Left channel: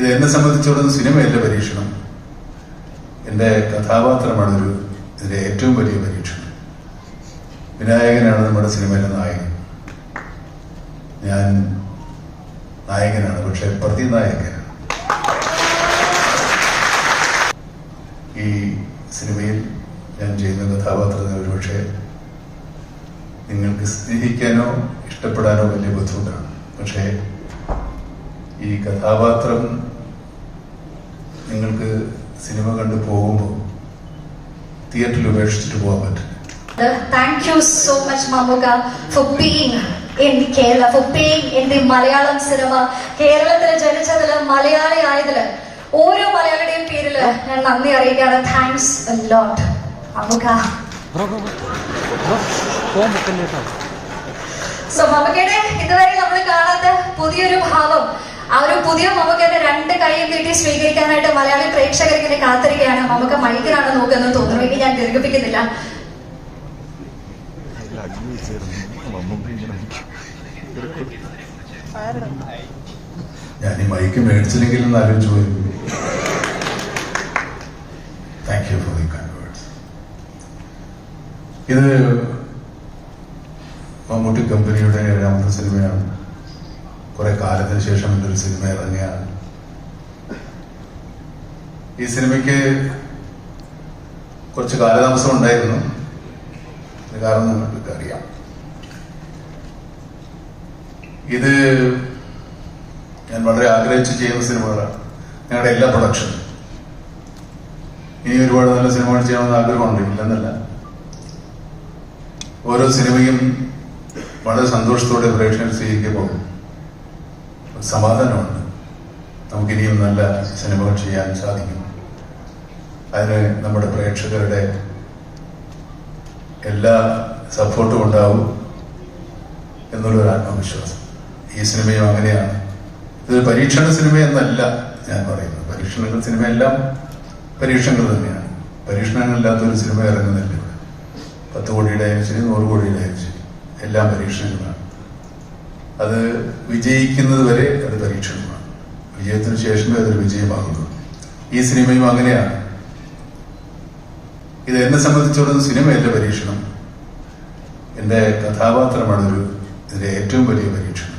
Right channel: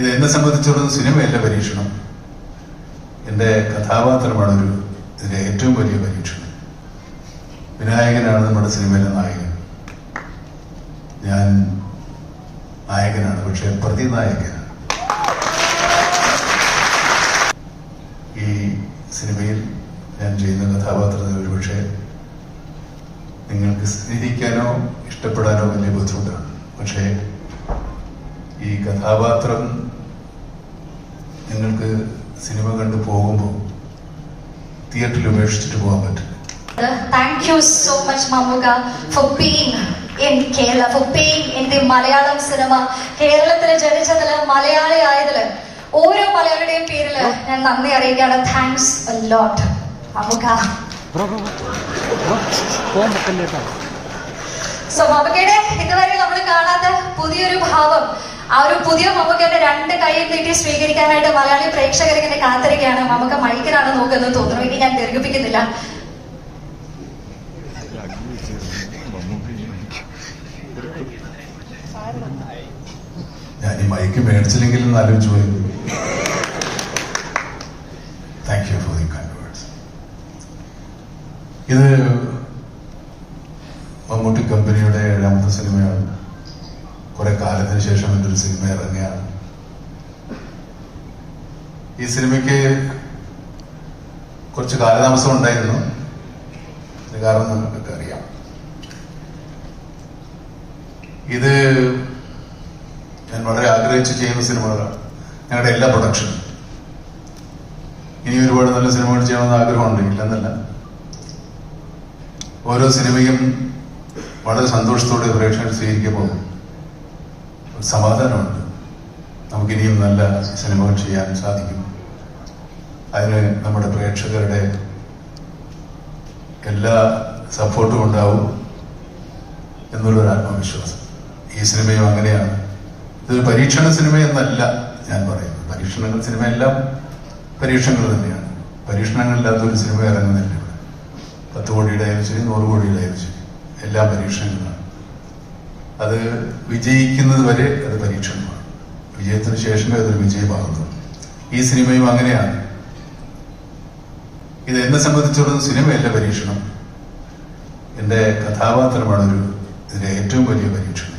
ഇത് എന്നെ സംബന്ധിച്ചിടത്തോളം സിനിമയല്ല പരീക്ഷണം, എന്റെ കഥാപാത്രമാണ് ഇതിലെ ഏറ്റവും വലിയ പരീക്ഷണം. വിനായകനാണ് നമ്മുടെ സിനിമയിലെ നായകൻ. ഞാൻ നായകനാണ്, പക്ഷെ പ്രതിനായകനാണ്. ഈ സിനിമയിൽ ഞാൻ ചെയ്യുന്ന കഥാപാത്രങ്ങൾ പക്ഷേ നിങ്ങൾക്ക് സ്നേഹിക്കാനോ ഇഷ്ടപ്പെടാനോ വലിയ ബുദ്ധിമുട്ടാണ്. പക്ഷേ ഈ കഥാപാത്രം നിങ്ങൾക്ക് സിനിമ കണ്ടു പോകുമ്പോൾ തിയേറ്ററിൽ ഉപേക്ഷിച്ചിട്ട് പോകാൻ പറ്റും. Thank you so much, Mamuka, for being in Kerala, for being in the Malayalam cinema. കേരളത്തിൽ ജനിച്ചതില് മലയാളി ആയതില് ഓരോ മലയാളിയുടെയും പേരില് ഞാൻ നന്ദി അറിയിക്കുകയാണ്. Thanks a lot, Mammukka. So മമുക്കയുടെ ഇതുവരെ നമ്മൾ കാണാത്ത പുതിയൊരു ഭാവം, ആ ഒരു പുതിയ മമുക്കയുടെ രണ്ട് കൈയും കിട്ടി സ്വീകരിക്കാനായിട്ട് മലയാളി പ്രേക്ഷകർ ഇങ്ങനെ കാത്തിരിക്കുകയാണ്. മമുക്ക മൈക്കിനാണ് നോക്കുന്നത് തോന്നുന്നു. ഇനി ഞാൻ ദീർഘിപ്പിക്കുന്നില്ല. ഞാൻ ഈ മൈക്ക് മേടിച്ചില്ലെങ്കിൽ എന്ന് ആലോചിച്ചു പോയി. Thank you for the kind words. ഇത് മമ്മൂട്ടി കമ്പനിയുടെ 7ാമത്തെ സിനിമയാണ്. കുറെ കാലത്തിന് ശേഷം എൻ്റെ ഒരു സിനിമ ഇറങ്ങിയാണ്. ഈ സിനിമയ്ക്ക് കുറച്ച് കാലതാമസം ഉണ്ടായിരുന്നു. കാരണം നിങ്ങൾക്ക് അറിയാം, ഇത് ഞാൻ വളരെ ആഗ്രഹിച്ച് ചെയ്യുന്ന സിനിമകളാണ്. ഞങ്ങളുടെ എല്ലാ പ്രൊഡക്ഷനും ഇനി ഒരുപാട് നല്ല സിനിമകൾ ചെയ്യണമെന്ന് ആഗ്രഹമുണ്ട്, ഇല്ലെന്നല്ല. ഓരോ സിനിമയും വളരെ സന്തോഷത്തോടെ പ്രേക്ഷകർ സ്വീകരിക്കുമ്പോൾ സമാധാനമുണ്ട്. നമുക്കിനിയും നല്ല സിനിമകൾ ചെയ്യാൻ സാധിക്കും. അതിന് നമ്മുടെ പ്രേക്ഷകരുടെ എല്ലാ സപ്പോർട്ടും ഉണ്ടാവും എന്നുള്ളൊരു ആത്മവിശ്വാസം. ഈ സിനിമയും അങ്ങനെയാണ്. ഇതൊരു പരീക്ഷണ സിനിമയെന്നല്ല ഞാൻ പറയുന്നത്. പരീക്ഷണ സിനിമയെല്ലാം പരീക്ഷണങ്ങൾ തന്നെയാണ്. പരീക്ഷണങ്ങളില്ലാത്ത ഒരു സിനിമ ഇറങ്ങുന്നില്ല. 10 കോടിയുടെ ആയാലും ശരി, 100 കോടിയുടെ ആയാലും ശരി, എല്ലാം പരീക്ഷണങ്ങളാണ്. അത് വിജയിക്കുന്നത് വരെ അത് പരീക്ഷണമാണ്. വിജയത്തിന് ശേഷമേ അതൊരു വിജയമാകുന്നു. ഈ സിനിമയും അങ്ങനെയാണ്. ഇത് എന്നെ സംബന്ധിച്ചിടത്തോളം സിനിമയല്ല പരീക്ഷണം, എന്റെ കഥാപാത്രമാണ് ഇതിലെ ഏറ്റവും വലിയ പരീക്ഷണം.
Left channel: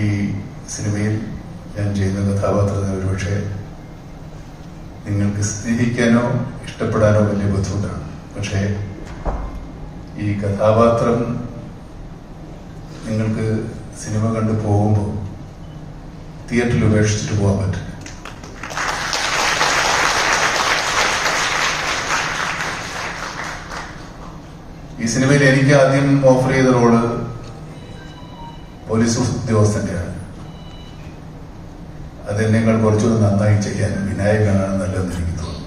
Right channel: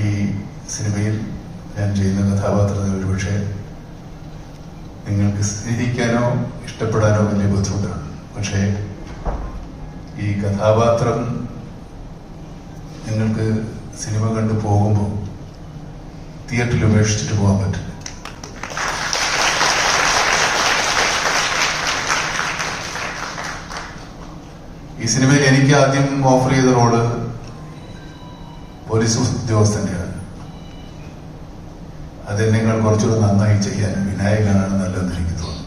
ഈ സിനിമയിൽ ഞാൻ ചെയ്യുന്ന കഥാപാത്രങ്ങൾ പക്ഷേ നിങ്ങൾക്ക് സ്നേഹിക്കാനോ ഇഷ്ടപ്പെടാനോ വലിയ ബുദ്ധിമുട്ടാണ്. പക്ഷേ ഈ കഥാപാത്രം നിങ്ങൾക്ക് സിനിമ കണ്ടു പോകുമ്പോൾ തിയേറ്ററിൽ ഉപേക്ഷിച്ചിട്ട് പോകാൻ പറ്റും. ഈ സിനിമയിൽ എനിക്ക് ആദ്യം ഓഫർ ചെയ്ത റോള് പോലീസ് ഉദ്യോഗസ്ഥന്റെയാണ്. അതെന്നേക്കാൾ കുറച്ചുകൂടി നന്നായി ചെയ്യാൻ വിനായകനാണ് നല്ലതെന്ന് എനിക്ക് തോന്നുന്നു.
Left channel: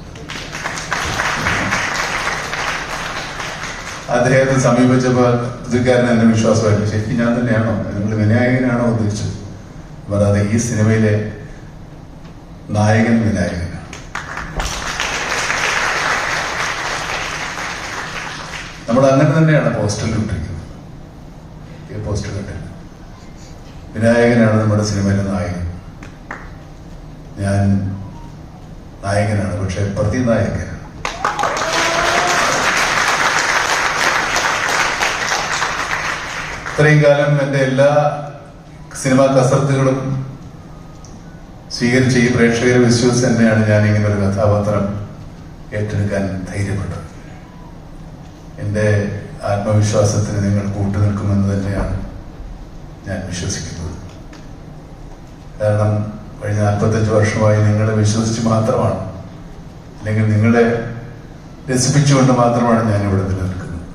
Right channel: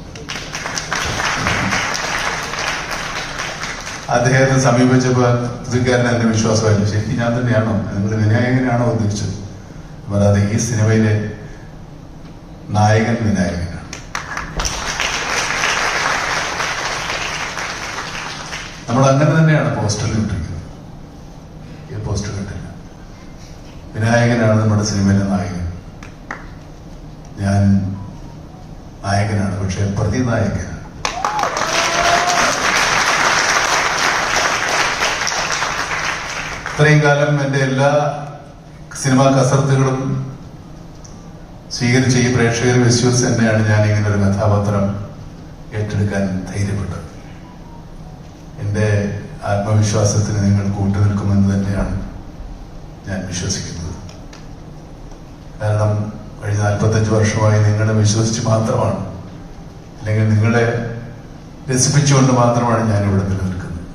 അദ്ദേഹത്തെ സമീപിച്ചപ്പോൾ പുതുക്കാരൻ എന്നെ വിശ്വാസമായിരുന്നു. ശരിക്കും ഞാൻ തന്നെയാണോ, നിങ്ങൾ വിനായകനാണോ ഉദ്ദേശിച്ചത്? അപ്പോൾ അത് ഈ സിനിമയിലെ നായകൻ വിനായകനാണ്. നമ്മൾ അങ്ങനെ തന്നെയാണ് പോസ്റ്ററിൽ ഇട്ടിരിക്കുന്നത്. ഈ പോസ്റ്റർ ഇട്ടില്ല. വിനായകനാണ് നമ്മുടെ സിനിമയിലെ നായകൻ. ഞാൻ നായകനാണ്, പക്ഷെ പ്രതിനായകനാണ്. ഇത്രയും കാലം എന്റെ എല്ലാ സിനിമാ കസർത്തുകളും സ്വീകരിച്ച് ഈ പ്രേക്ഷകരെ വിശ്വസിച്ച് തന്നെയാണ് ഞാൻ ഇങ്ങനെ ഒരു കഥാപാത്രം ഏറ്റെടുക്കാൻ ധൈര്യപ്പെട്ടത്. എന്റെ ആത്മവിശ്വാസത്തിന് നിങ്ങൾ കൂട്ടുനിൽക്കുമെന്ന് തന്നെയാണ് ഞാൻ വിശ്വസിക്കുന്നത്. കാരണം കഴിഞ്ഞ 45 വർഷമായി നിങ്ങളെ വിശ്വസിച്ച് മാത്രമാണ്, അല്ലെങ്കിൽ നിങ്ങളെ രസിപ്പിച്ചുകൊണ്ട് മാത്രമാണ് ഞാൻ ഇവിടെ നിലനിൽക്കുന്നത്.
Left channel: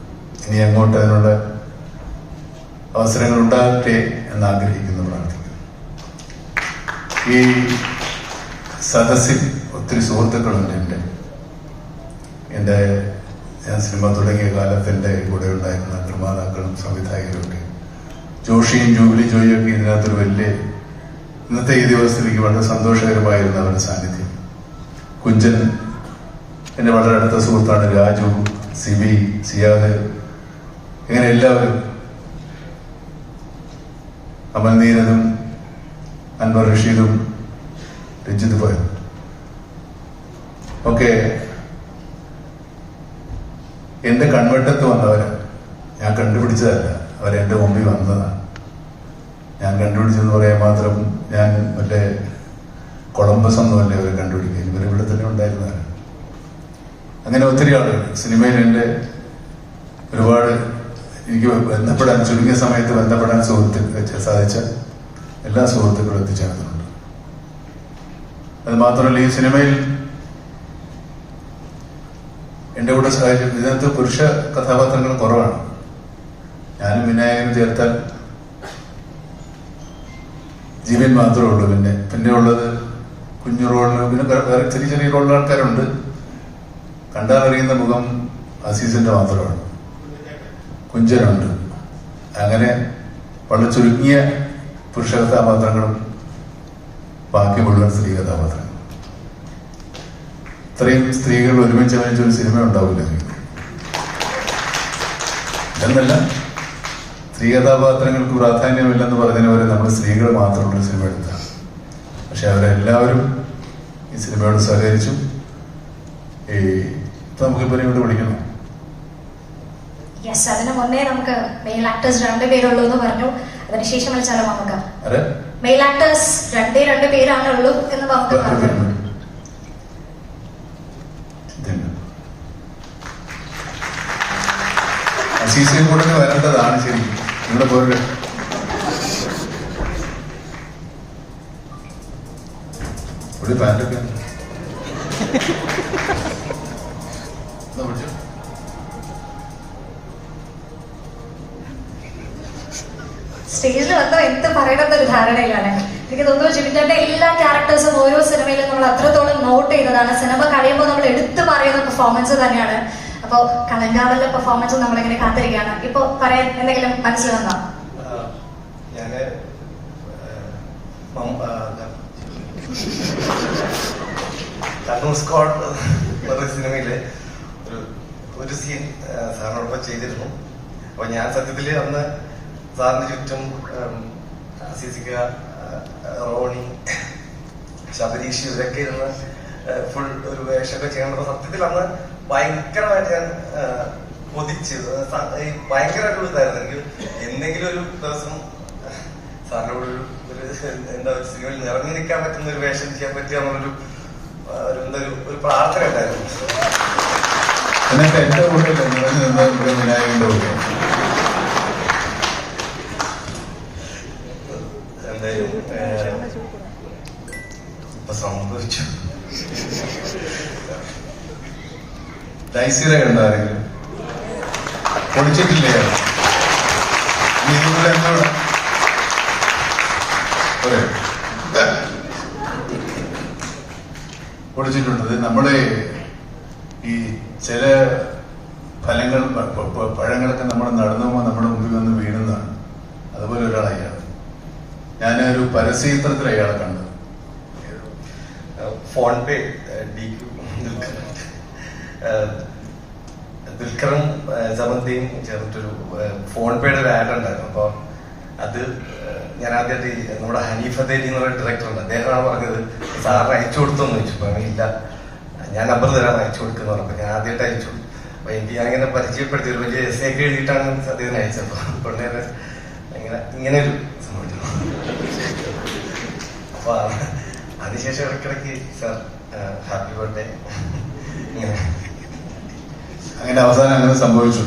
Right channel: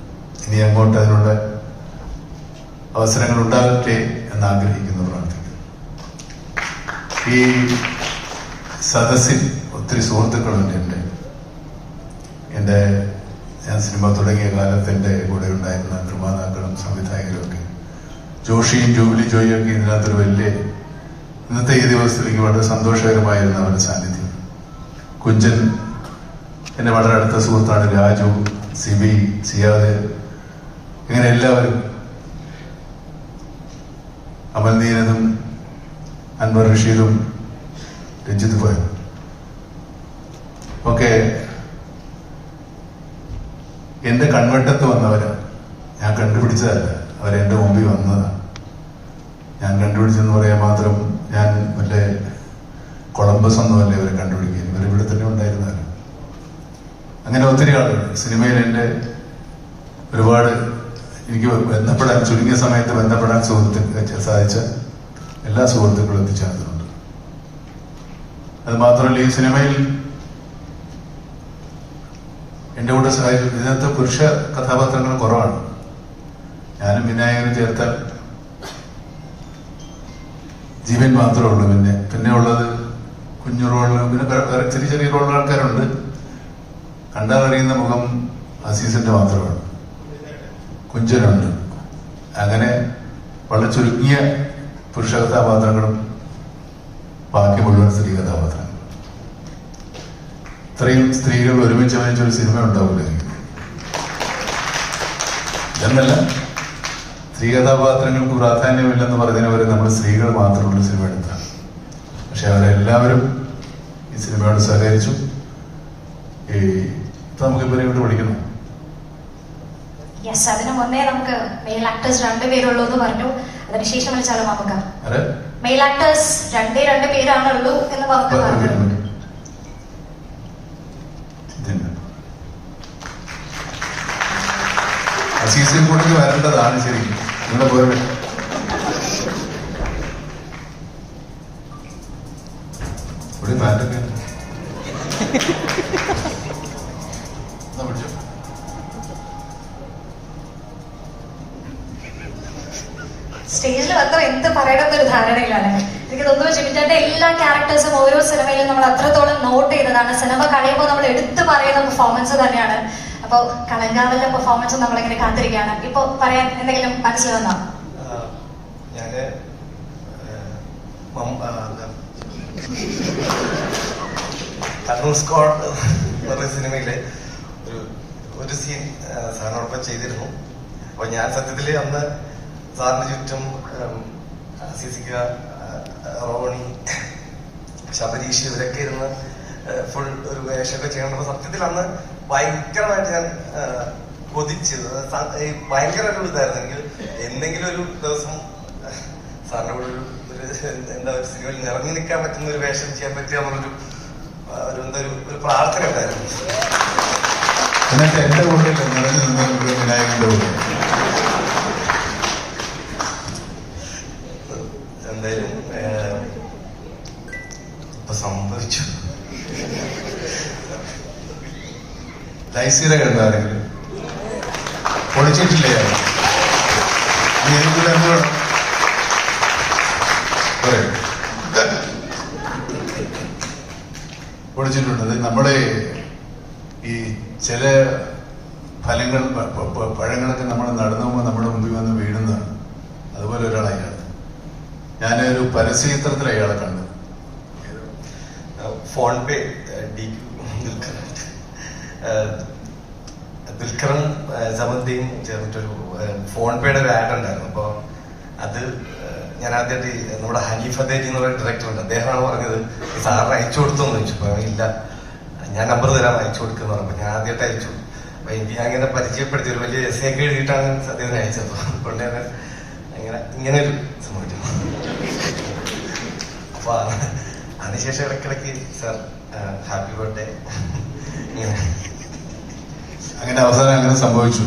ഇനി അങ്ങോട്ട് അതിനുള്ള അവസരങ്ങൾ ഉണ്ടാകട്ടെ എന്ന് ആഗ്രഹിക്കുന്നു, പ്രാർത്ഥിക്കുന്നു. ഈ സദസ്സിൽ ഒത്തിരി സുഹൃത്തുക്കളുണ്ട്. എന്റെ ഞാൻ സിനിമ തുടങ്ങിയ കാലത്ത് എന്റെ കൂടെ ഉണ്ടായിരുന്ന നിർമ്മാതാക്കളും സംവിധായകരും ഒക്കെ, ജോഷിയും ജൂബിലി ജോയിയൊക്കെ ഇതിനകത്തൊരു വലിയ, ഇന്നത്തെ ഈ ദിവസത്തിലേക്ക് വളരെ സന്തോഷകരമായിരുന്ന അവരുടെ സാന്നിധ്യം. കുഞ്ചൻ എന്റെ വളരെ അടുത്ത സുഹൃത്താണ്. രാജു, സിബി, സിയാദ്, ഇങ്ങനെ എല്ലാവരും, അമൽനീനതും അൻവർ റഷീദും രഞ്ജിത്ത് പോയോ? ഓക്കെ, എന്റെ കൺവെട്ടത്ത് വന്നവര് ഞാൻ കണ്ടുപിടിച്ചതല്ല, അവരെന്റെ മുമ്പിൽ വന്നതാണ്. ഞാൻ കണ്ടുപിടിച്ചെന്ന് പറയാൻ മാത്രം ഞാൻ മറ്റേ കൊളംബസ് ഒന്നുമല്ലേ അവരെ കണ്ടുപിടിക്കുക, ഇവരെ ഇവിടെ തന്നെ ഉണ്ടായിരുന്നതാണ്. അങ്ങനെ ഒത്തിരി ആളുകൾ സിനിമയിൽ എന്റെ ഒരുപാട് എനിക്ക് ബന്ധപ്പെടാൻ, ചുരുങ്ങിയ സമയത്ത് ബന്ധപ്പെടാൻ സാധിച്ച എല്ലാ സുഹൃത്തുക്കളും എത്തിച്ചേർന്നുണ്ട്. അത് മാത്രമല്ല, ഈ സിനിമയിൽ എന്റെ കൂടെ സഹായിച്ചു. ഇതിനകത്ത് പുരുഷ കഥാപാത്രങ്ങൾ കുറവാണ്. ഞാനും വിനായകനും ചേർത്താൽ ജീവൻ മാത്രമേ ഉള്ളൂ. പിന്നെ ഉള്ളത് കുഞ്ഞു റോളിൽ, പിന്നെ വേറെ ചെറിയ ചെറിയ റോളിൽ ആൾക്കാരുണ്ട്. കണ്ടാലറിയുന്ന മുഖം അസീസിന്റെ മാത്രമാണ്. കുഞ്ചനുണ്ട്. അങ്ങനെ വളരെ ചുരുങ്ങിയ പുരുഷ കഥാപാത്രങ്ങളും ബാക്കി മുഴുവൻ സ്ത്രീ കഥാപാത്രങ്ങൾ. ഇത്രയും സ്ത്രീകൾ ഒരുമിച്ച് അഭിനയിച്ചൊരു സിനിമ ഉണ്ടാവില്ല. എന്നല്ല, സ്ത്രീ കഥാപാത്രങ്ങൾക്ക് പ്രാധാന്യമില്ലെന്ന് പറഞ്ഞതിന് പോലെ നമ്മൾ സ്ത്രീകൾ മാത്രമുള്ള സിനിമ എടുത്താണ്. പക്ഷെ അവരെല്ലാവരും ഈ സിനിമയോട് സഹകരിച്ചു. ഇപ്പൊ നമുക്ക് ഇവരെയോട് വിളിക്കണം. യെസ്, അതിനു മുന്നേ നമുക്ക് മെയിൽ ആക്ടേഴ്സ് 2 പേരുള്ളൂ എന്ന് പറഞ്ഞു. അതിനുശേഷം വിളിച്ചാലും നമുക്ക് മെയിൽ ആക്ടേഴ്സ് 2 പേരാണുള്ളൂ എന്ന് നമുക്ക് പറഞ്ഞു. സീസൺ കൂടെ വരേണ്ടതാണ്. ശരി, നിങ്ങൾ പോയത് ഇവിടെ പാൻറ്റൊക്കെ സ്റ്റേജിൽ വന്നോ എന്ത് പറയണമെന്നൊരു ധാരണയിലാണ്. എനിക്ക് തോന്നുന്നു ചിമിറ്റന്റെ എല്ലാ ക്യാരക്ടേഴ്സും ഓരോ സിനിമയിലും നമ്മൾ അത്രത്തോളം നോട്ട് ചെയ്തതാണ്. സിനിമ കഴിയുമ്പോൾ നമ്മൾ എടുത്തു പറയുന്ന പെർഫോമൻസ് തന്നെയാണ്. അപ്പോ കളങ്കാവലിന്റെ പെർഫോമൻസ് നമ്മളിങ്ങനെ കാത്തിരിക്കുകയാണ്. ഇപ്പൊ പറയാൻ എന്തെങ്കിലും മനസ്സിൽ വന്നോ? സിനിമയിലെ ഒരു സീൻ സാറിനോടൊപ്പം ചെയ്തിരുന്നു. അപ്പൊ ഞാൻ സത്യത്തില് അന്ന് സാറിന് ചുറ്റും സിസിക, റോണി, ശബരീഷ് ഇവരൊക്കെ ഇരുന്ന് ഫുൾ ഒരു വേഷമൊക്കെ ചെയ്യണം. സത്യത്തിൽ അന്ന് ഭയങ്കരമായിട്ട് ഞാൻ കൊതിച്ചത് ഭയങ്കര ഒരു ഇതായിരുന്നു. എനിക്ക് എന്തെങ്കിലും ഒരു ദിവസം സാറിന്റെ ഒരു എന്താ സിനിമയിൽ നിറഞ്ഞു നിൽക്കാൻ പറ്റുന്ന ഒരു വേഷം ചെയ്യാൻ പറ്റിയാന്നുള്ളൊരു ഒരു പ്രാർത്ഥന ഉണ്ടായിരുന്നു. എന്തായാലും സംഭവിച്ചു. ലൈസിലെ കണ്ടാരെങ്കിലും പൊളിച്ചിട്ടില്ലേ? പൊളിച്ചിട്ടുണ്ട്. നമ്മളെ ഈ ചില ഫലങ്ങൾ, പഴങ്ങളൊക്കെ നമ്മൾ നടന്നുമ്പോൾ നമ്മുടെ മുമ്പിൽ വന്ന് വീഴുന്നതാണ്. അതുപോലെ ഒരാളാണ്. ഞാനൊരു പരസ്യചിത്രത്തിൽ അയാളെ കണ്ടു. ഫോൺ പേ ദുൽഖറും സമന്തിയും ചേർന്നിട്ടൊരു ഫോൺ പേയുടെ ഒരു ആഡ് ഉണ്ടായിരുന്നു. അപ്പൊ അത് ഞാൻ ആദ്യമായിട്ട് നമ്മുടെ ഹനീഫ് അദേരി എന്നുള്ള ഡയറക്ടർ ഉണ്ട്, അദ്ദേഹമാണ് പറഞ്ഞത് സാറിന് അയച്ചു കൊടുത്തെന്ന് ചോദിച്ചു. അപ്പൊ ഇല്ല, ഞാൻ നമ്പർ തരാൻ അയച്ചു കൊടുക്കുന്ന പറഞ്ഞപ്പോ ഞാൻ ആദ്യമായിട്ട് അയച്ചു. അപ്പൊ എനിക്ക് അങ്ങനെ പരിചയപ്പെടുത്തി ഒരു വലിയ എസ് ഒക്കെ എഴുതിയിട്ടാണ് അദ്ദേഹത്തിന് അയച്ചത്. അതുകൊണ്ട് തന്നെ ഇങ്ങനെ ഒരു സംഭവിച്ചു. അപ്പൊ അതിനുശേഷം ഇടയ്ക്കിടയ്ക്ക് സാർ ഹാപ്പി ബർത്ത്ഡേ ഇങ്ങനെ അങ്ങനെ അവസാനം അങ്ങനെ സംഭവിച്ചു.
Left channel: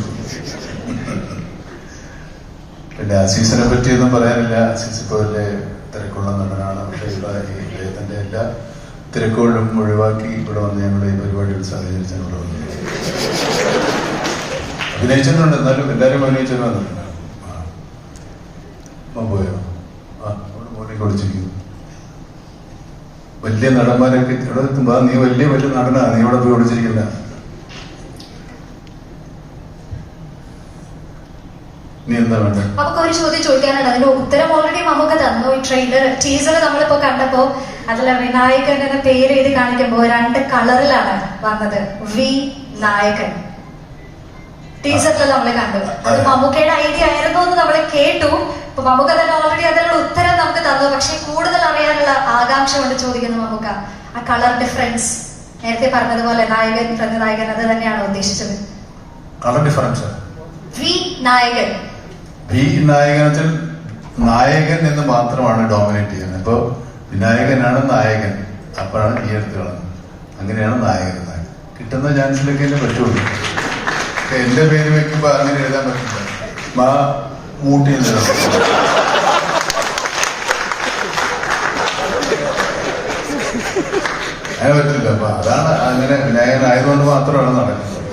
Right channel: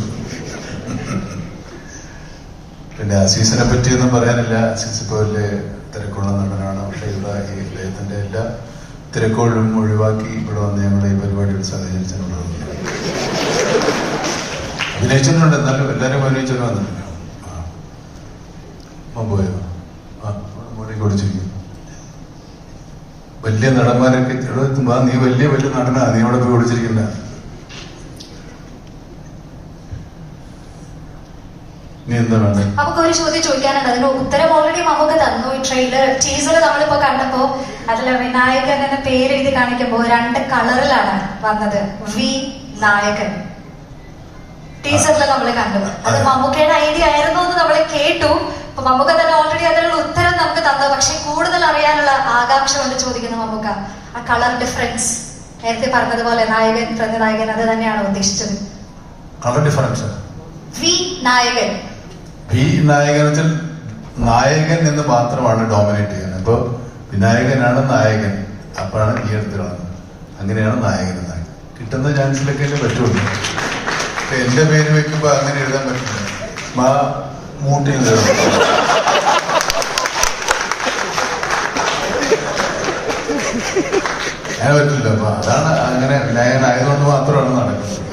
പിന്നെ അസീസിനെ പറ്റിയൊന്നും പറയാനില്ല. അസീസ് ഇപ്പോൾ വലിയ തിരക്കുള്ള നടനാണ്. പക്ഷേ ഇദ്ദേഹത്തിന്റെ എല്ലാ തിരക്കുകളും ഒഴിവാക്കി ഇവിടെ വന്ന് ഞങ്ങളുടെ ഈ പരിപാടിയിൽ സഹകരിച്ചിട്ടുള്ളത്. അഭിനയിച്ചിട്ടുണ്ട്, എന്നാലും എല്ലാവരും അഭിനയിച്ചിട്ടുണ്ട്. പോയോ? മോനെ കുടിച്ചിരിക്കും. വലിയ നടന്മാരൊക്കെ ഇവിടെ എത്തുമ്പോ നീ വലിയ നടനാ, നീ ഇവിടെ പോയി വിളിച്ചിരിക്കുന്ന. നീ എന്താ വേണ്ടത്? നമുക്ക് ഒരു ചോദ്യം ചോദിക്കാനാണ്. അതിന് ഉത്തരം ഓൾറെഡി നമുക്ക് തന്നു. ഈ ട്രെയിലർ ടീസർ നമ്മളിപ്പോ കണ്ടപ്പോ അതിൽ വിനായകൻ എന്ന പേര് എഴുതി കാണിക്കുമ്പോ 2 കളറിലാണ് വന്നത്. വി നായകൻ ടീസറിൽ നമ്മൾ കണ്ടത്. അത് മമ്മൂക്കയുടെ ഐഡിയ ആയിരുന്നു എന്ന് നമ്മൾ കേട്ടു. അപ്പൊ മമ്മൂക്ക തന്നെ ഓൾറെഡി അതിനുള്ള ഉത്തരം നമുക്ക് തന്നു. പക്ഷെ കൂടുതൽ അറിയാനുള്ള ആകാംക്ഷ കൊണ്ട് ചോദിക്കുന്നു മമ്മൂക്ക, ആ കളർ ഡിഫറൻസ് നേരത്തെ പറഞ്ഞതുപോലെ നായകൻ പ്രതിനായകൻ അത് തന്നെയാണോ ഉദ്ദേശിച്ചത്? കളർ ഡിഫറൻസ് വി നായകൻ വെച്ചാൽ നായകൻ എന്ന് മാത്രമാണ് ഡോമിനേറ്റ് ചെയ്യുന്നത്. ഇപ്പൊ വിനായകനാണ് നായകൻ, അപ്പോഴാണ് വി എടുത്തിടുന്നത്. അങ്ങനെയാണ് നായകൻ കിട്ടുന്ന ചാൻസിലൊക്കെ പറ്റുള്ളൂ. എന്റെ പേര് വെക്കുമ്പോ അങ്ങനെ എഴുതാൻ പറ്റില്ല. മൂട്ടിൽ അങ്ങനെ പറ്റില്ല. അപ്പൊ അതാണ് അങ്ങനെ വിനായകനായതുകൊണ്ട് മാത്രമാണ് നടക്കുന്നത്.